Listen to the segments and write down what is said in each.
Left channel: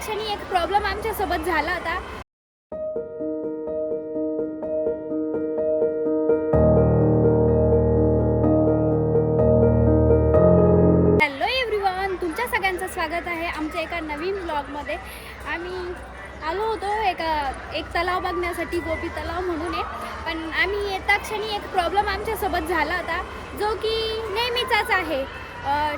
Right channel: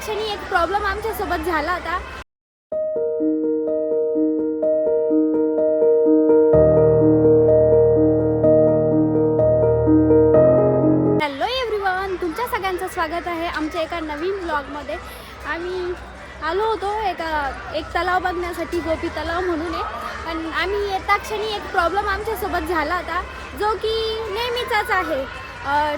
क्षणी एक प्रॉब्लेम आमच्या सोबत झाला होता. हॅलो एव्हरीवन, तुमच्या सगळ्यांचं स्वागत आहे आमच्या एका नवीन ब्लॉगमध्ये. आम्ही आलो होतो एक तलाव बघण्यासाठी, गोपी तलाव म्हणून आहे. पण आम्ही येता क्षणी एक प्रॉब्लेम आमच्यासोबत झाला होता, जो की नेहमीचाच आहे.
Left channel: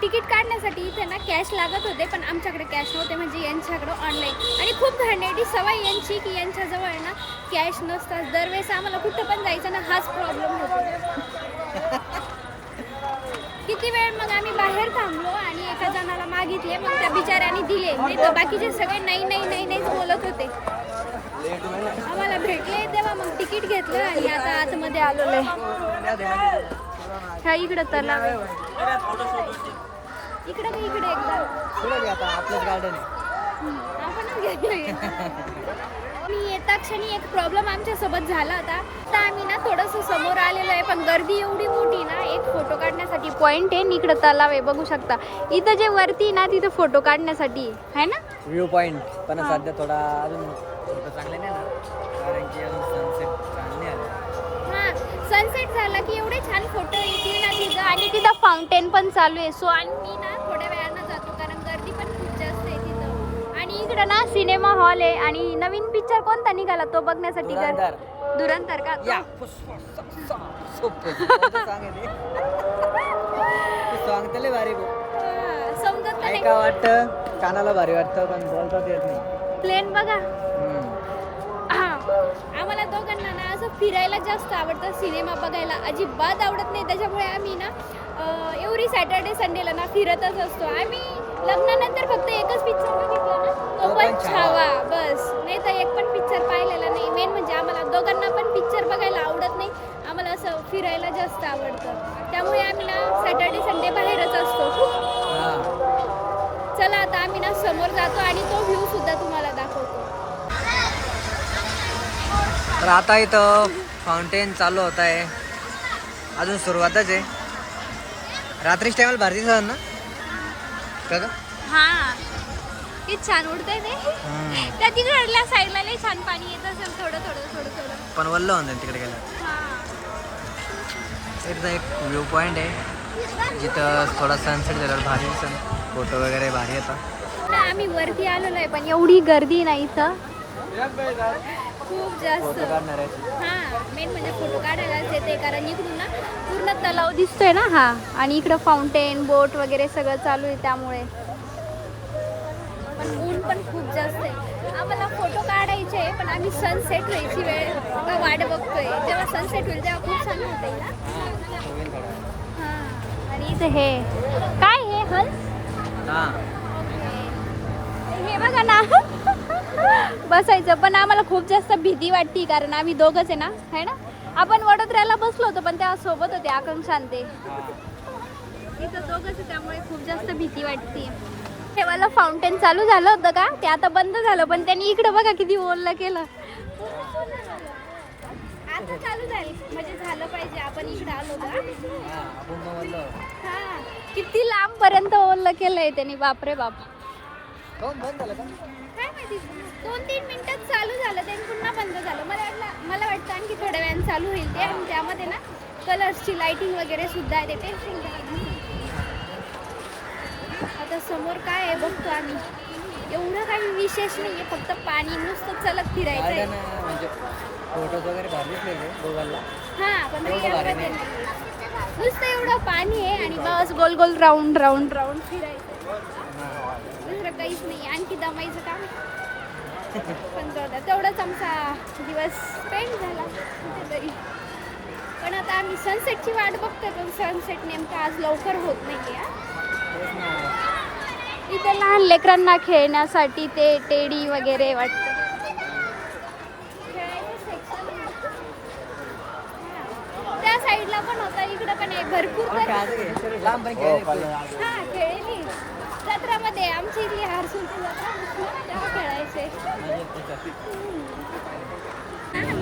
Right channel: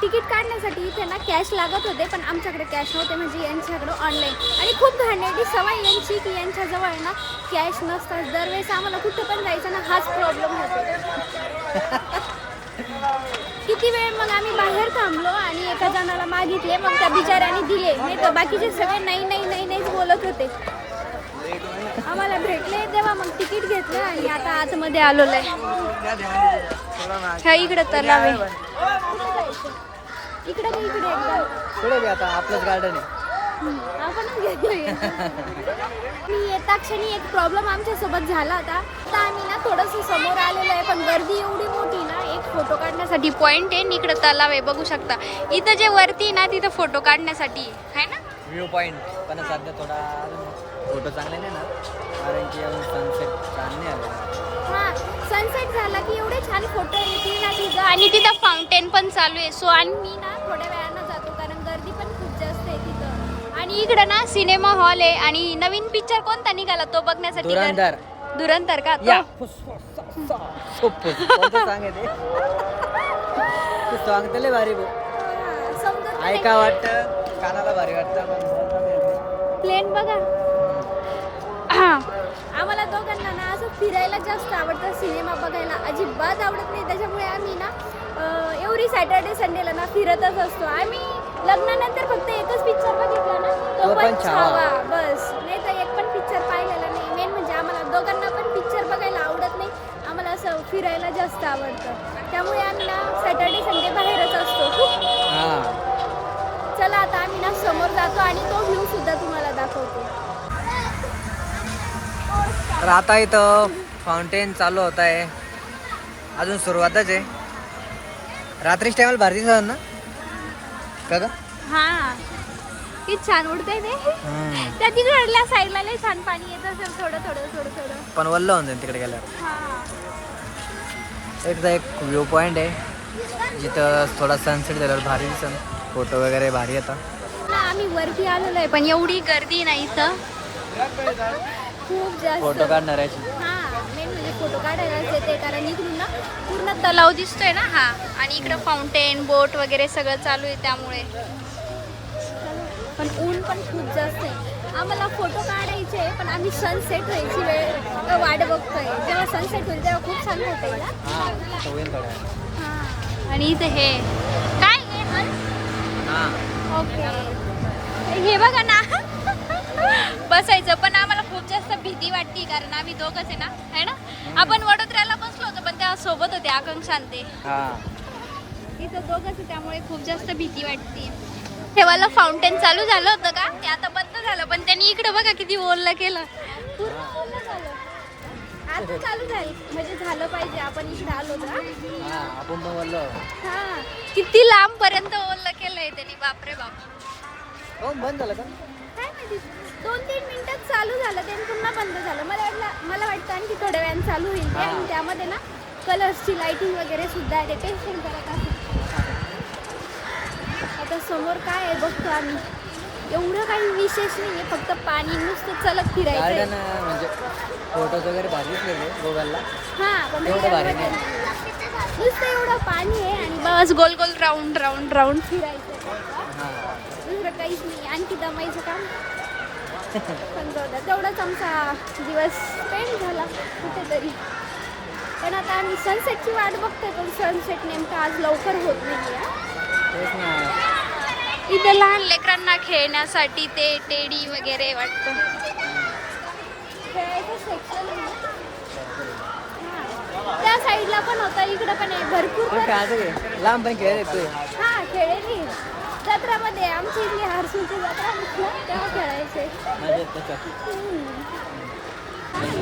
तिकीट काढण्यासाठी इथे ना कॅश लागत होते, पण आमच्याकडे कॅश नव्हते, म्हणजे यांच्याकडे ऑनलाईन. आणि खूप घाणेरडी सवय यांची की यांच्याजवळ ना कॅश नसतात. दरवेळेस आम्हाला कुठं पण जायचं ना हाच प्रॉब्लेम होतो. किती वेळ मग आम्ही बाहेर थांबलो आणि एका जणाला मागितले, मग त्या बिचाऱ्याने दिले. नाही तर बाकीचे सगळे नाही नाही नाही नाहीच बोलत होते. आम्हाला भेटले तेव्हा मग तिकीट घेतलं आणि आता आतमध्ये आलेलो आहे. ह्या इकडे तलाव आहे, इकडे एकदा आता आपलंच गार्डन आहे. आपणच घेतोय. मी येता क्षणी एक प्रॉब्लेम आमच्यासोबत झाला होता. आता आम्ही ना थोडंसं समोर आलेलो आहे, पण गर्दी एवढी मोठी ना. एक फोटो काढण्यासाठी पॉइंट आहे, इकडे तलाव आहे, बघू शकता. इथं जे वरती ना तिथं फोटो काढण्यासाठी आहे ना व्ह्यू पॉइंट. पण सध्या थोडा अजून फोटो चांगले नाही ना, कारण की अजून सनसेट चांगले आले. हा, सनसेट झाला की एवढे छान फोटो येतील ना तिथं. आणि तिथं फाउंटेन पण चालू आहे. सो आणि मी ना थोड्या वेळानं जातो, कारण गर्दी पण खूप जास्त आहे तिथं. आणि इकडं ना सिनेमा हॉल आहे. आणि नवीन पिक्चर कोणता निघाला तो बघण्यासाठी धुरंधर का तो? सांगतले भारी समजत नाही. ऐका वाटतं, कानाला भारी वाटतं. प्लेन बघा. आम्हाला दोघांना ना असं फिरायला जास्त आवडतं, सिनेमा बघायला अजिबात आवडत नाही. त्याच्यामुळे आम्ही ना एव्हरी सॅटर्डे संडेला ना फिरतच असतो. आम्ही लग्नानंतर फक्त एकच पिक्चर बघितला ना, तो पण छावा, बस. नाही तर एक पण पिक्चर पाहिलेला नाही. मेन म्हणजे आम्हाला दोघांना पण पिक्चर बघायला आवडत नाही. आम्हाला असं फिरायला जास्त आवडतं. त्यामुळे आम्ही ना सॅटर्डे संडे बाहेरच असतो. चला आता आम्ही ना समोर जातो आणि तो व्ह्यू सुद्धा तुम्हाला दाखवतो. तर आता इथं फाउंटेन चालू होत आहे, अजून सुरुवातच आहे. रात्रीच टायमाला भारी दिसत ना का ग? हा, किती छान उडते ते. त्या तिकडल्या साईडला लई छान पाणी येतं असेल, थोडं. पण वल्ल होऊन जाईल तिकडे गेल्यावर. इथं एक व्ह्यू पॉइंट आहे, जिथं थोडा सनसेट झाल्यावर भारी दिसन, फोटो वगैरे भारी येतात. आम्ही वरती आलेलो आहे, पण एवढी गर्दी नाही इथं, खूप जास्त. फोटो काढणार आहे. हा, मेन म्हणजे फोटो काढायलाच येते, कारण इकडून ना पूर्ण तलाव दिसतोय ना हा. आणि इकडं फाउंटेन, बोट वगैरे सगळं चालू आहे, त्यामुळे. पण ऊन पण खूप जास्त आहे. आम्हाला फोटो काढायचे, पण आम्ही सनसेट व्हायची वेळ वाट बघतोय. जेव्हा सनसेट होईल तेव्हा खूप छान फोटो येईल. हा, आणि इथं हे काय हे हल, हे बघा ना. बसायचं, पण आम्हाला खूप जास्त भीती वाटते, कारण आम्ही दोघंच आहे ना, है ना. आपण वडोदऱ्याला बसलो होतो, पण त्या सोबत होते आकांक्षा ते. इथं दोघंच आहे, त्यामुळे खूप जास्त भीती वाटते. तेव्हा फाउंटेन चालू झालं होतं का, ते आता बंद झालं. पण त्यांनी इकडे बघा किती ओलं केलं. आता चालू झालं, म्हणजे झालं पाहिजे. आपण इकडे आलो का, हा, किती लांब पर्यंत ओलं केलंय त्यांनी. बापरे बाप. बंद झालं का काय माहिती, 2-3 मिनिटात चालू झालं, ते पुन्हा बंद झालं. मला वाटतं आणखी थोड्या वेळाने चालू होईल ते. आणि त्यामध्ये ना कलर्सची लाइटिंग वगैरे सुद्धा आहे, ते फुल करत असं. आता समोर काय आहे बघतो आम्ही. एवढं काही विशेष नाही आहे, फक्त पाणी, नुसतं चलत फिरायचं आहे. म्हणजे फोटोज वगैरे भारी दिसले गोगलला. हा, पण रिअलमध्ये नाही, नुसतं एवढं पाणी आहे आणि बस गोल गोल राऊंड फिरायचं. दुसरं काहीच नाही. आणखी दमायचं काम पण जाऊ द्या, तेवढाच आमचा दिवस स्पेंड झाला कुठेतरी. पण आता आम्ही सनसेटची वाट बघतोय, पण सनसेट नेमका आज लवकर होत नाही आहे. इथे लहान लेकरांना खेळण्यासाठी ते टेडी वगैरे वाटतं, खेळायचं सेक्शन. त्या साईडला पण होतं, इकडे पण आहे भरपूर. लांब पण खेळ. हा, खेळली जत्रामध्ये. आमची इथली हरसूलची जत्रा तेव्हा खेळायचे.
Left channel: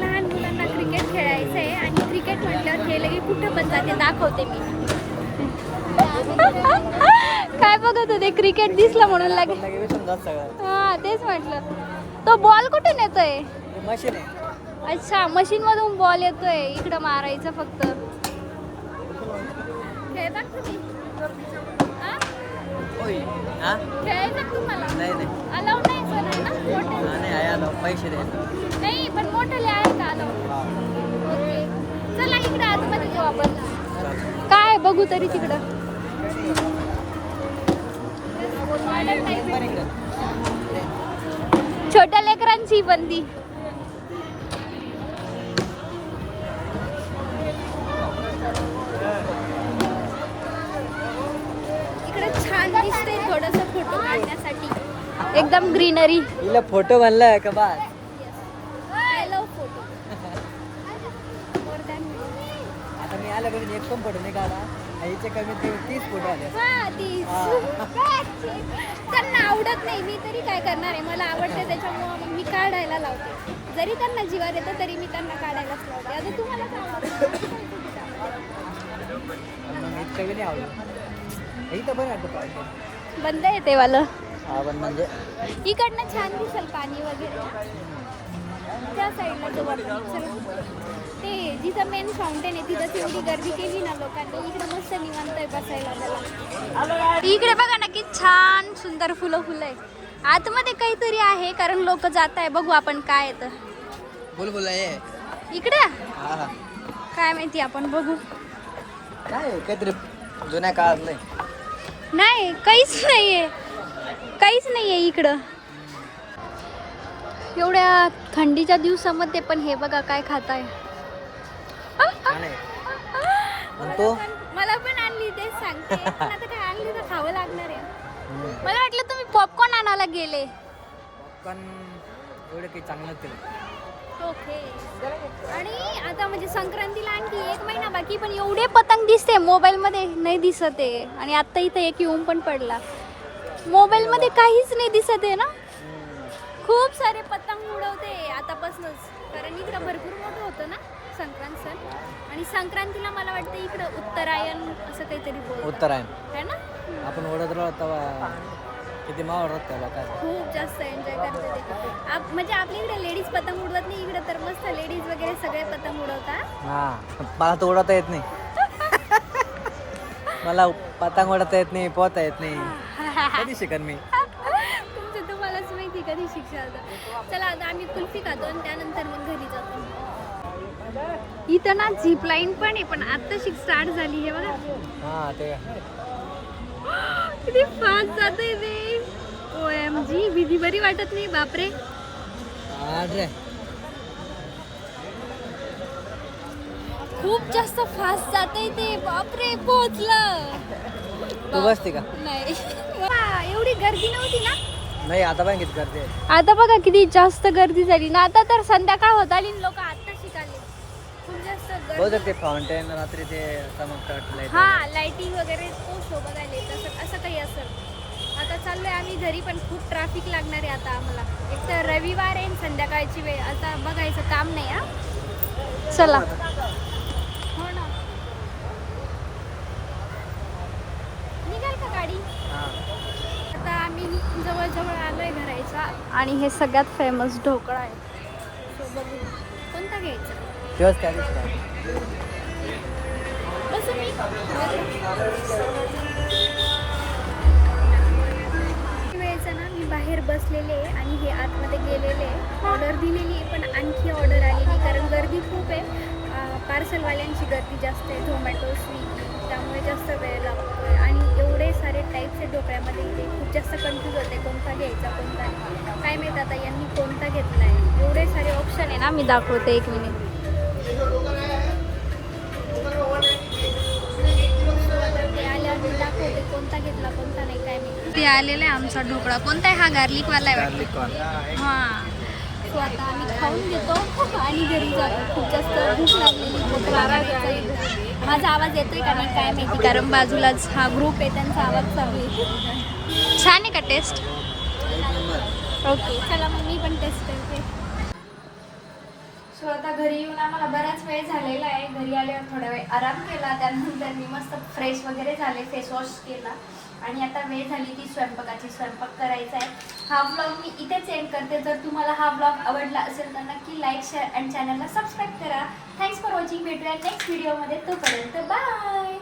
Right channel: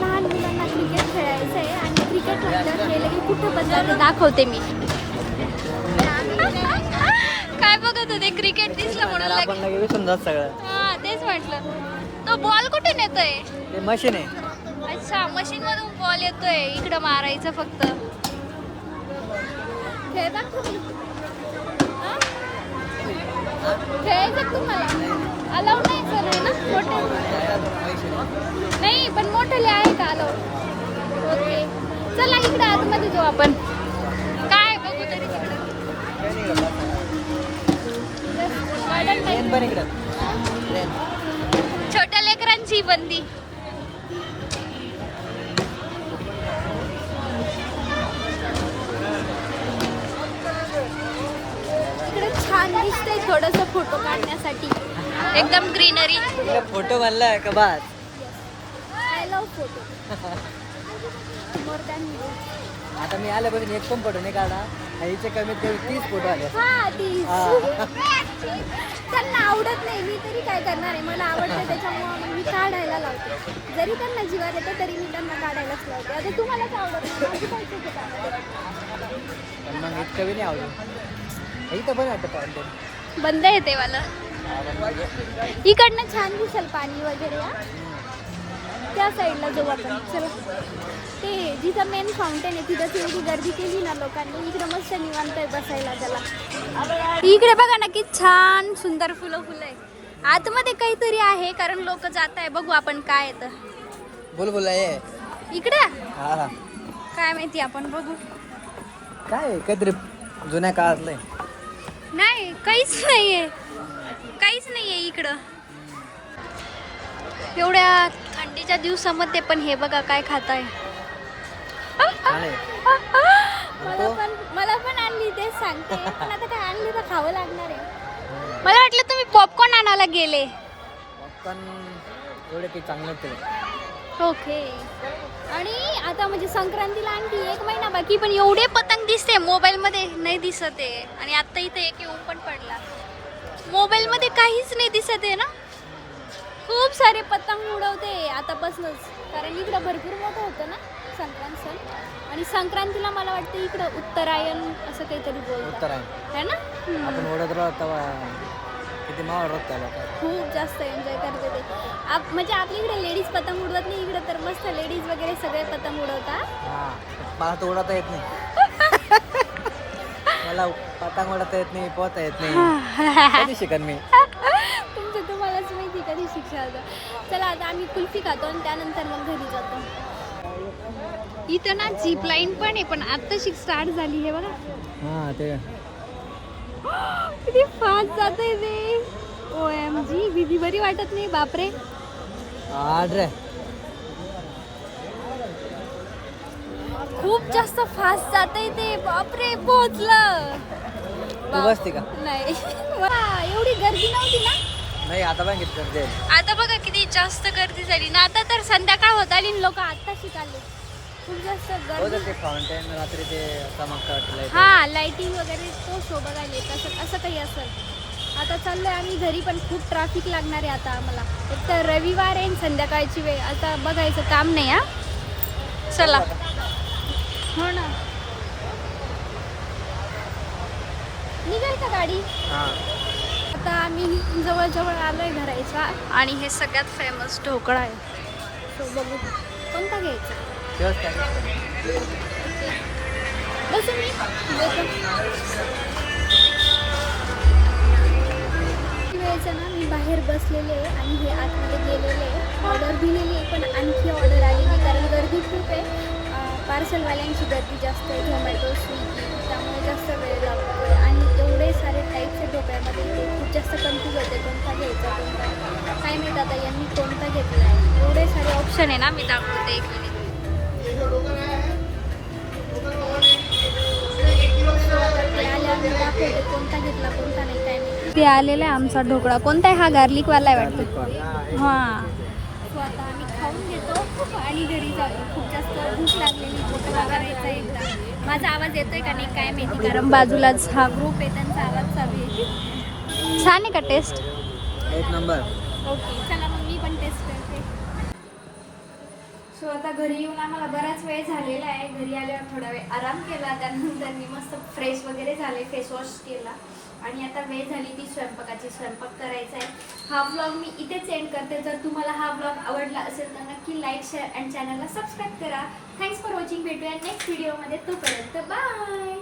लहान मुलांना क्रिकेट खेळायचं आहे. आणि क्रिकेट म्हटल्यावर हे लगे कुठं पण जाते, दाखवते मी. काय बघत होते? क्रिकेट दिसलं म्हणून आपण लगे विसरून जात सगळं. हा तेच म्हटलं. तो बॉल कुठून येतोय? ते मशीन आहे. अच्छा, मशीन मधून बॉल येतोय, इकडं मारायचं फक्त. हा? खेळायचं तुम्हाला? नाही नाही अलाउड नाही सर ना? नाही, आहे आता पैसे द्या. नाही पण मोठे आहे का अलाउड? हा. ओके, चला इकडं आतमध्ये जाऊ आपण. काय बघू तरी तिकडं. येत पण इकडं. ये. छोट्या लेकरांची बंदी. इकडे छान दिसतंय थोडंसं फोटो काढण्यासाठी. एकदम ग्रीनरी. इकडे फोटो बनला का बस. I love photo more than video. आता मी आल्यापासून एक पण फोटो नाही काढा. आईचे कमीत कमी 30 फोटो आले. हा तीच. त्यांना आवडत नाही, मी तरी काय करणार आहे, मला आवडते त्याच्यामुळं मग मी काढायला लावते. जरी त्यांना जीवार येतं तरी मी त्यांना काढायलाच लावते. आता तुम्हालाच आवडत नाही, माझी काय चूक आहे त्यामध्ये? पण मग इतकं बी नाही आवडत. इथं पण वाटतं पाणी. बंद येते वालं. इकडनं छान दिसेल पाणी वगैरे. त्या साईडला जाऊ आपण. चला, ते जिथं मेन फाउंटेन आहे तिथं एवढी गर्दी केली ना लोकांनी. इकडं मस्त निवांत आहे बसायला त्याला. इकडे बघा ना की छान सुंदर फुलं फुलं आहे. आतमध्ये काहीतरी आहे कारण लोक जात आहे. बघू आपण काय येतं. बोल आहे. इकडे हा. काय माहिती, आपण बघू. काय काहीतरी जुन्या काळात नाही. नाही काहीच नाहीये, काहीच नाहीये इकडं. एवढ्या थंडीच्या दिवसामध्ये पण हे बघा काय खाताय. मला पण आणली तेच सांगते, पण आता काय आणली तर खावं लागणार आहे. मला वाटलं तुम्ही पॉपकॉर्न आणायला गेले. पॉपकॉर्न एवढे काही चांगलं ते. ओके. आणि आता म्हणजे संक्रांतीला आणखी 1 महिना बाकी, पण एवढे पतंग दिसते मोबाईल मध्ये नाही दिसत आहे. आणि आता इथं एक येऊन पण पडला. मोबाईल मध्ये काहीच नाही दिसत आहे ना. खूप सारे पतंग उडवते आतापासूनच, कारण इकडं भरपूर मोठं होतं ना संक्रांत सण. आणि संक्रांतीला मला वाटतं इकडं उत्तरायण असं काहीतरी बोलतात. उत्तरायण है ना. आपण ओढत राहत तेव्हा किती मावळ राहत त्या लोकांना. खूप जास्त एन्जॉय करते ते. म्हणजे आपल्या इकडे लेडीज पतंग उडवत नाही, इकडे तर मस्त लेडीज वगैरे सगळे पतंग उडवतात. हा, मला तर उडवता येत नाही. मला पतंग उडवता येत नाही, पोहता येत नाही. कधी शिकत नाही. तुमचं तुम्हालाच माहिती कधी शिक्षा होतं. चला आता आम्ही कुल्फी खातो आणि त्यानंतर मग घरी जातो. इथं ना झीप लाईन पण आहे, पण आत्ताशी स्टार्ट झाली. हे बघा हा ते किती फास्ट जाते ते. OMG, भीती बरी वाटत नाही. बापरे, आड्रे खूप जास्त फास्ट जाते ते. बापरे, पोहोचलं. तू बसते का? नाही. एवढी गर्दी नव्हती ना. नाही, आता पण किती करते. आता बघा किती जास्त गर्दी झाली ना. आता तर संध्याकाळ होत आली, लोक आता शिकाले. खूप जास्त गर्दी. ते फाउंटेन रात्री ते चमकतात. हा, लाइटिंग वगैरे तो सोबत आले तसं असं काही असेल. आता चाललोय आम्ही घरी, पण खूप ट्रॅफिक लागणार आहे आता आम्हाला. एक तर रविवार आहे, संध्याकाळची वेळ. आता बघायचं काम नाही. हा चला. हो ना, निघाल का गाडी. आता आम्ही जवळजवळ आलोय घराच्या. आणि हे सगळ्यात फेमस ढोकळा आहे, तो बघू कोणता घ्यायचा. बसून वेळेचं ना मी बाहेर बसलेले आहे आणि हे आतमध्ये गेलेले आहे. ऑर्डर दिलेली आहे पण आणखी ऑर्डर आली नाही, कारण गर्दी खूप आहे. पार्सलवाल्यांची गर्दी जास्त आहे, झोमॅटो, स्विगी, त्यामुळे जास्त वेळ लागतो आहे. आणि एवढे सारे टाईप्स आहे ढोकळ्यामध्ये, इथे खूप जास्त कन्फ्यूज होते कोणता घ्यायचा कोणता नाही. काय माहीत आता यांनी कोणता घेतला आहे. एवढे सारे ऑप्शन आहे ना. मी दाखवते एक मिनिट. ते आल्यावर मी दाखवते कोणता घेतला कोणता नाही, काय नाही. ते आलेला आहे आमचा ढोकळा. कोणता आहे हा? गार्लिकवाला आहे वाटतं. हां, तो आता आम्ही खाऊन घेतो आणि घरी जातो. खूप जास्त भूक लागलेली, भूक लागायचं. माझा आवाज येतोय का नाही काय माहिती, कारण बाजूलाच हा ग्रुप आहे, त्यांचा आवाज चालू आहे. छान आहे का टेस्ट? 1 नंबर. ओके, चला मग मी पण टेस्ट करते. सो आता घरी येऊन आम्हाला बराच वेळ झालेला आहे. घरी आल्यावर थोडा वेळ आराम केला, त्यानंतर मी मस्त फ्रेश वगैरे झाले, फेस वॉश केला आणि आता वेळ झाली ती स्वयंपाकाची. स्वयंपाक करायचा आहे. हा ब्लॉग मी इथेच एंड करते. जर तुम्हाला हा ब्लॉग आवडला असेल तर नक्की लाईक, शेअर आणि चॅनलला सबस्क्राईब करा. Thanks for watching. भेटूया नेक्स्ट व्हिडिओमध्ये. तोपर्यंत बाय.